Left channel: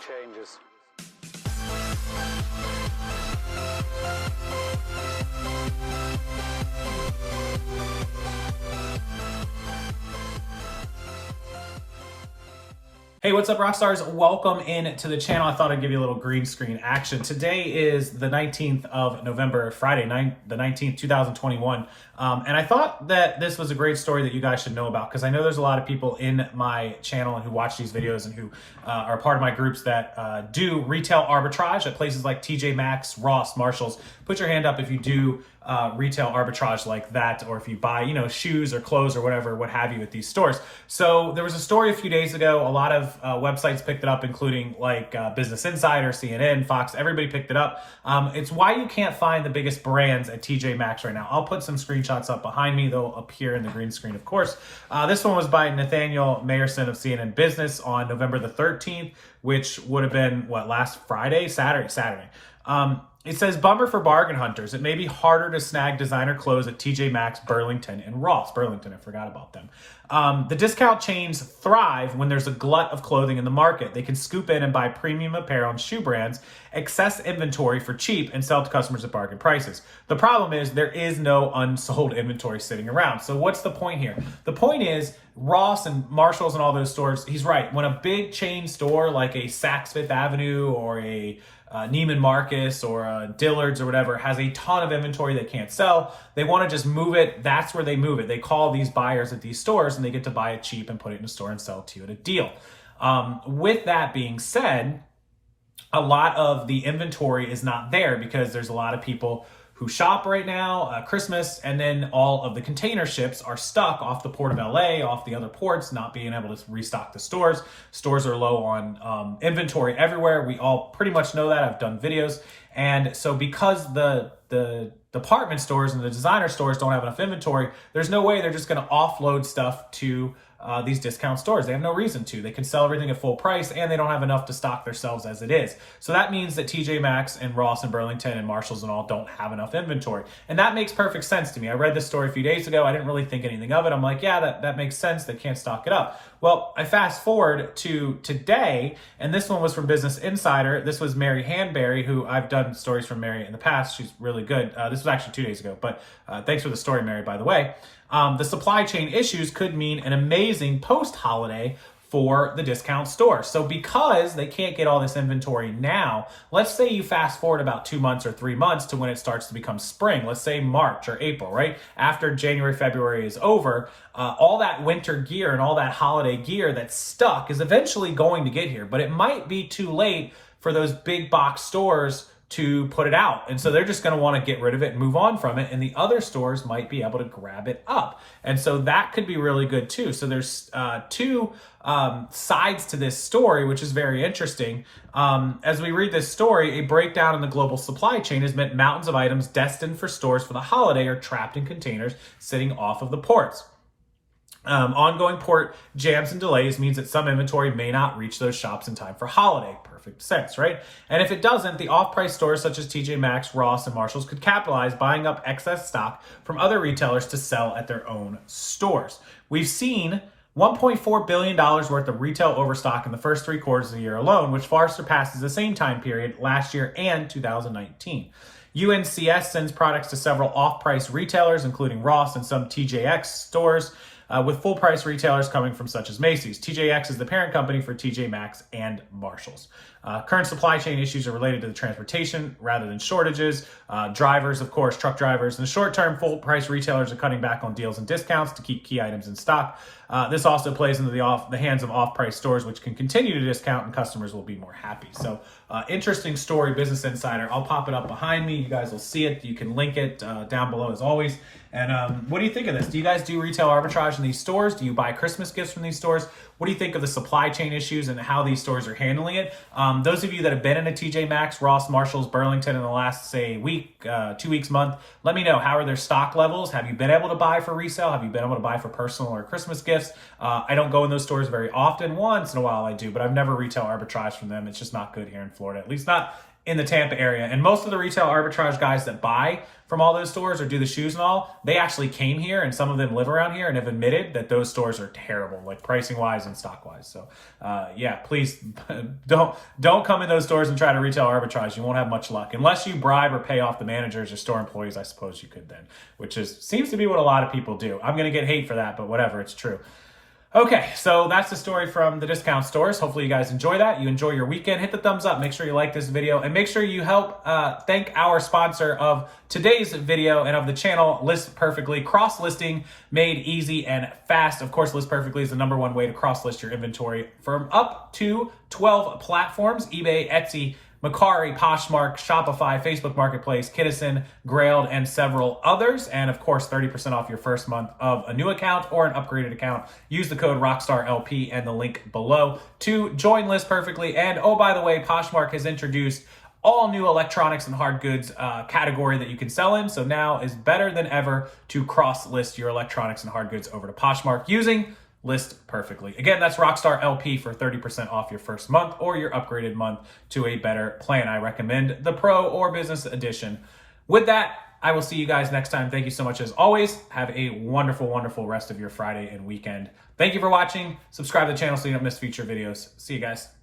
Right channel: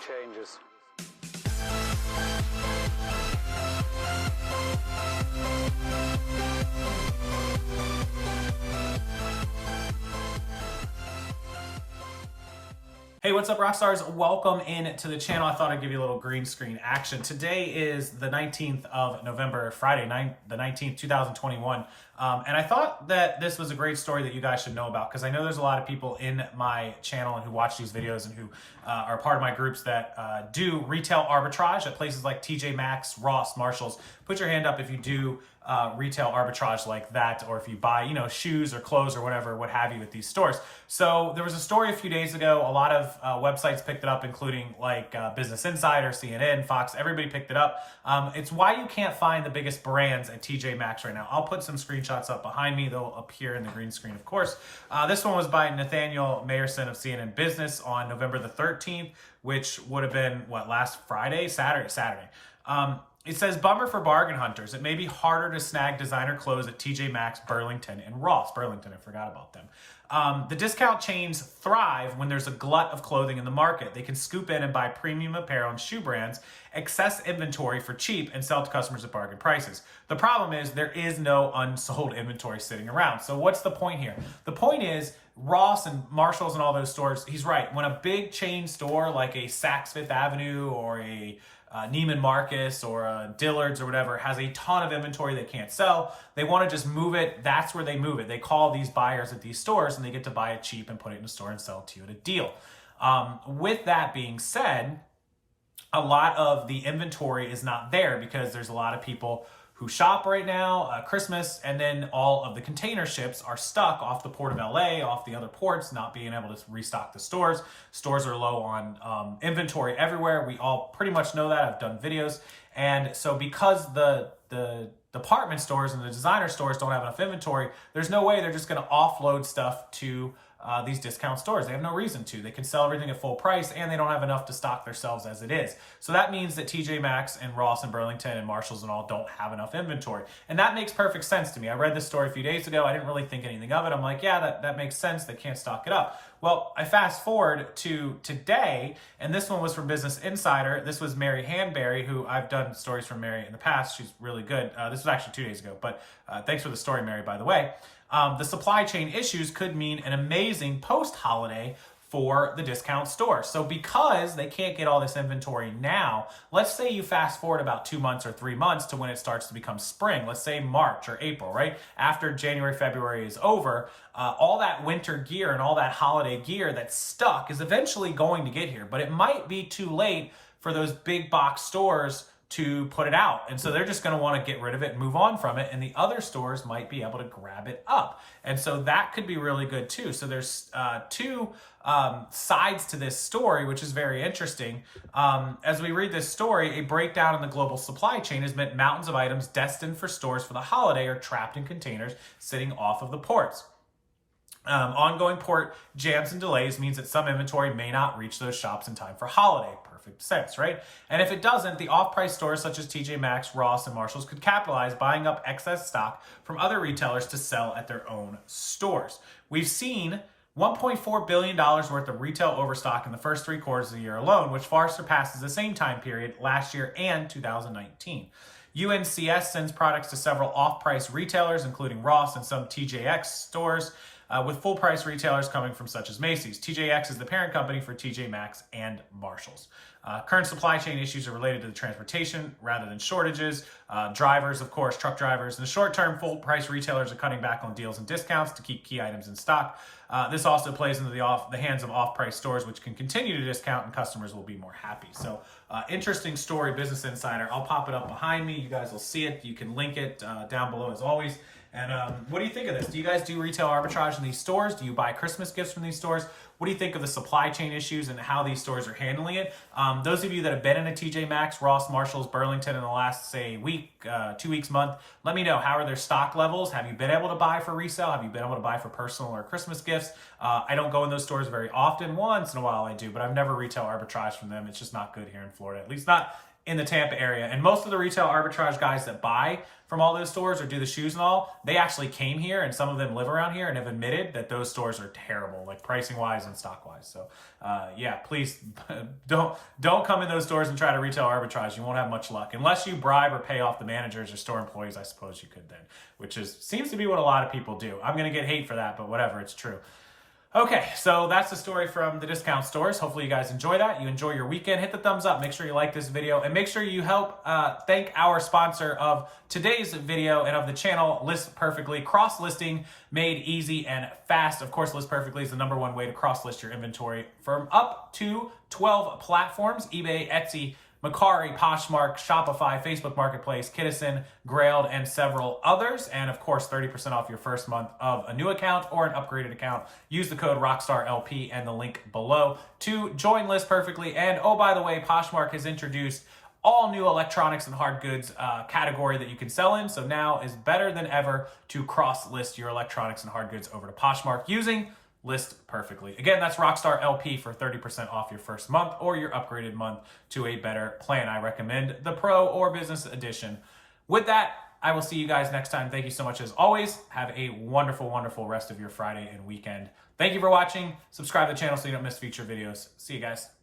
changes. Hey, what's up, Rockstars? Welcome in to the channel. I thought I'd give you a little green screen action. Today is the 19th of November, Friday, the 19th, 2021. And I thought that this was a great story that you guys should know about because I know there's a lot of people in my channel and who watch these videos and who are part of my groups that do retail arbitrage at places like TJ Maxx, Ross, Marshalls. Put your hand up if you do retail arbitrage like that, or if you buy, shoes or clothes or whatever, what have you at these stores. So there was a story a few days ago. A lot of websites picked it up, including like Business Insider, CNN, Fox, everybody picked it up. It's why you can't find the biggest brands at TJ Maxx right now. I'll put some screenshots up behind me. They'll appear in the green screen, of course. This one was by Nathaniel Mayerson of CNN Business on November the 13th, which would have been, last Friday? Saturday. It says, bummer for bargain hunters. It may be harder to snag designer clothes at TJ Maxx, Burlington, and Ross. Burlington, I forgot about them. The discount chains thrive when there's a glut of clothing in the market. They can scoop in and buy premium apparel and shoe brands, excess inventory for cheap, and sell to customers at bargain prices. The problem is there is no unsold inventory sitting around. So what's the point here? The point is Ross and Marshalls and all those stores, he's right. When a big chain store like a Saks Fifth Avenue or a Neiman Marcus or Dillard's or whatever has a ton of inventory they can't sell, they want to just move it. That's where they move it. They call these buyers at these stores and they get to buy it cheap and put it in a store and sell it to you at a deal. With that being said, a lot of the inventory is not there because there's a lot of people who shop right now, Christmas, and then all of the container ships are stuck off the port of LA, off the other ports, not being able to restock the stores. Stores are low on inventory everywhere. We all pretty much know that. I've done videos. And so because the department stores and the designer stores don't have enough inventory, there's no way they're just gonna offload stuff to these discount stores. They have no reason to. They can sell everything at full price and they don't have enough to stock themselves as it is. So that means that TJ Maxx and Ross and Burlington and Marshalls and all don't have enough inventory. And that makes perfect sense to me. I read this story a few days ago. I didn't really think anything of it. I'm like, yeah, that makes sense. They can't stock it up. Well, I fast forward to today, and this one was from Business Insider. This was Mary Hanberry, who I've done stories from Mary in the past. She's really good. This was actually 2 days ago, but thanks for the story, Mary, by the way. The supply chain issues could mean an amazing post-holiday for the discount store. So because they can't get all this inventory now, let's say you fast forward about 2 months or 3 months to when it starts to become spring, let's say March or April, right? After January, February is over, all that winter gear and all that holiday gear that's stuck is eventually going to get here, but it might be too late for those big box stores to put it out. And so they're just going to want to get rid of it and move on from it. And the other stores might be able to grab it up. And so that could be really good too. So there's two sides to this story, which is very interesting. As we read this story, a breakdown in the global supply chain has meant mountains of items destined for stores for the holiday are trapped in containers sitting off of the ports. Ongoing port jams and delays means that some inventory may not reach those shops in time for holiday. Perfect sense, right? And if it doesn't, the off-price stores such as TJ Maxx, Ross, and Marshalls could capitalize buying up excess stock from other retailers to sell at their own stores. We've seen $1.4 billion worth of retail overstock in the first 3 quarters of the year alone, which far surpasses the same time period last year and 2019. UNCS sends products to several off-price retailers, including Ross and some TJX stores, with full-price retailers coming from such as Macy's. TJX is the parent company for TJ Maxx and Marshalls. Current supply chain issues are related to the transportation rather than shortages. Drivers, of course, truck drivers. In the short term, full-price retailers are cutting back on deals and discounts to keep key items in stock. This also plays into the hands of off-price stores, which can continue to discount and customers will be more happy. So interesting story, Business Insider. I'll pop it up behind me. You guys will see it. You can link it down below as always. And what do you think of this? Do you guys do retail arbitrage in these stores? Do you buy Christmas gifts from these stores? What do you think of the supply chain issues and how these stores are handling it? Those of you that have been in a TJ Maxx, Ross, Marshalls, Burlington in the last, say, week, 2 weeks, month, let me know. How are their stock levels? Have you been able to buy for resale? Have you been able to buy for personal or Christmas gifts? I don't go in those stores very often. Once in a while I do, but I've never retail arbitraged from them. It's just not good here in Florida, at least not in the Tampa area. And most of the retail arbitrage guys that buy from all those stores or do the shoes and all, they actually came here, and some of them live around here and have admitted that those stores are terrible, like pricing wise and stock wise. So yeah, please don't come in those stores and try to retail arbitrage. You won't have much luck unless you bribe or pay off the managers or store employees. I suppose you could then, which seems to be what a lot of people do. I'm going to get hate for that, but whatever, it's true. Okay, so that's the story from the discount stores. Hopefully you guys enjoy that. You enjoy your weekend. Hit the thumbs up. Make sure you like this video. And make sure you help thank our sponsor of today's video and of the channel, List Perfectly. Cross-listing made easy and fast. Of course, List Perfectly is the #1 way to cross-list your inventory from up to 12 platforms: eBay, Etsy, Mercari, Poshmark, Shopify, Facebook Marketplace, Kinnison, Grailed, and several others. And of course, 30% off your first month of a new account or an upgraded account. Use the code ROCKSTARLP and the link below to join List Perfectly. And oh, by the way, Poshmark has introduced all new electronics and hard goods category that you can sell in. So now is better than ever to cross-list your electronics and hard goods over to Poshmark using List Perfectly. Again, that's ROCKSTARLP for 30% off your first month or your upgraded month to a better plan. I recommend the Pro or Business Edition. With that, I will see you guys next time. Thank you so much as always. Have a wonderful, wonderful rest of your Friday and weekend. Thank you for watching. Subscribe to the channel so you don't miss future videos. See you guys.